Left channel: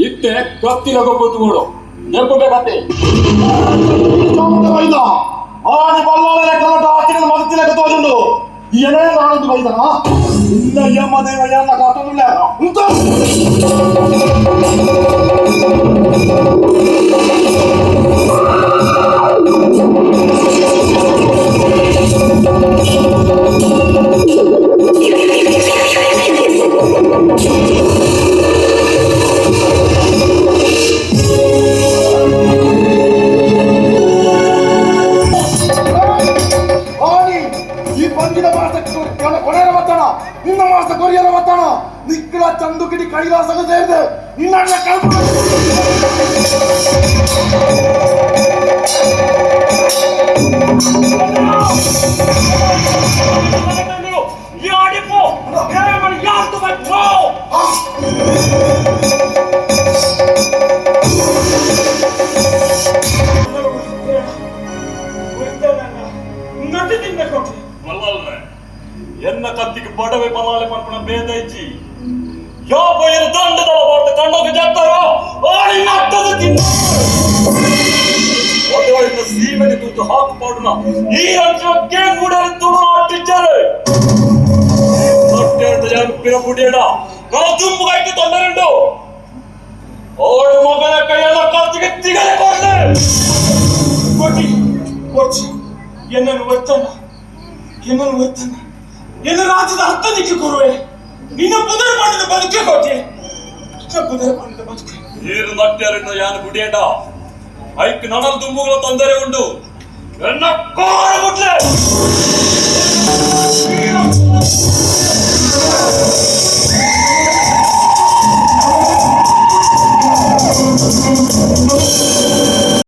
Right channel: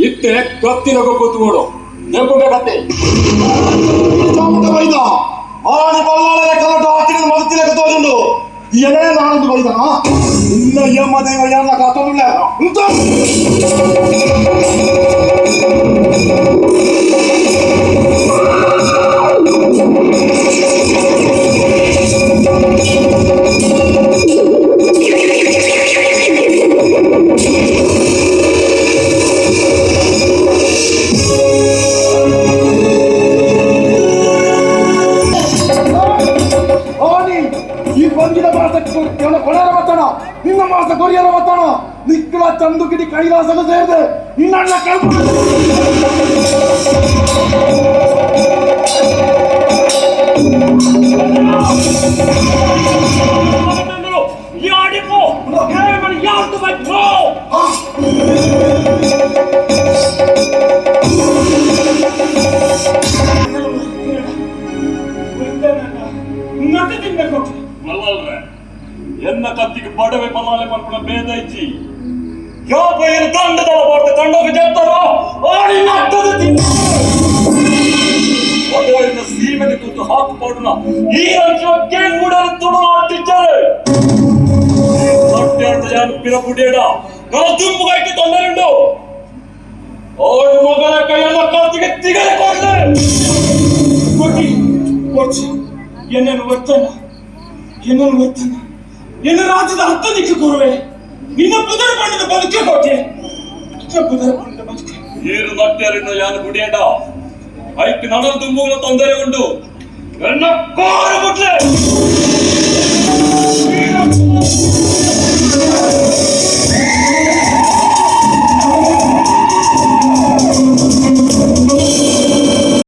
ಇತ್ತೆ ಕತ್ತಿನ ಗೊಬ್ಬತ್ತು ನೆಂಪು ಬೇಕತ್ತೆ ಆಡಿ ಬಲ್ಲಾಳೆ ಕಲಟ ಹಾಕಿದ ಮಗತಿನ ಕತ್ತೋಜುಂಡು ಏನೇ ನಾನೊಂದು ಬೈದನ ಇಲ್ಲ ಯಮ್ಮ ದೇವ ಯಾರನ್ನ ಕಾತೋದಿಲ್ಲ ಉಂಟು ನಿನ್ನ ಮಾಸ ಕೊರಿಯರ ಮತ್ತಾನ ನಿಕ್ಕಲ ಚಂದು ಕಿಡಿ ಕೈಲಾಸದ ಸೇರಿದೆ ನಿನ್ನ ಎನ್ನ ಕತ್ತಿಗೆ ಬಡವೆ ಪಲಾಲೆ ಪರ್ಪಣ ಭೇದ ಇಚ್ಚಿ ಯೋ ಬೈರು ದಂಡದ ಬೋರ್ತೆ ದಂಡೋಗೆ ಜತ್ತರೋ ಆಡಿ ನಟ್ಟದ ತಿನ್ನ ಒಡೆಯ ಸೀಮೆಗೆ ತುತ್ತು ಹಾಕು ಪಾಡುನ ಈ ಅಂಚಕ್ಕೆ ಕೂಡಲು ತುಡು ಆಟಿದ್ದಾರೆ ಸತ್ಯಂತ ಜಾನು ಪಿರಪುಡೇಡ ನಾ ತುಂಬು ಕೈಗೆ ತೊಂದರೆಂಡು ಓಡು ಮಗನ ಕೈಯಲ್ಲ ಕತ್ತಿಗೆ ತಿಗಲೆ ಕೊಡ್ತಾರೆ ಕೊಚ್ಚಿ ಎನ್ನನ್ನು ಒತ್ತನ ನಿನ್ನ ರಾಜ್ಯದ ಹತ್ತ ನಿಕ್ಕೆ ಕೊರುವೆ ನಿನ್ನ ಪುದರ್ ಮಾಡಿದ ಬದುಕೆ ಕೊಟ್ಟೆ ಪುದರ್ ಮಾಡಿದ ಬದುಕೆ ನೀರು ಮಟ್ಟರಿಂದ ಯಾನು ಗುಡಿಯೇಟ ಐಕ್ ನಡಲು ತುಂಬುಗಳ ತೊಂದರೆ ಉಂಟು ಎನ್ನ ಕೋರ ಮುಟ್ಲೆ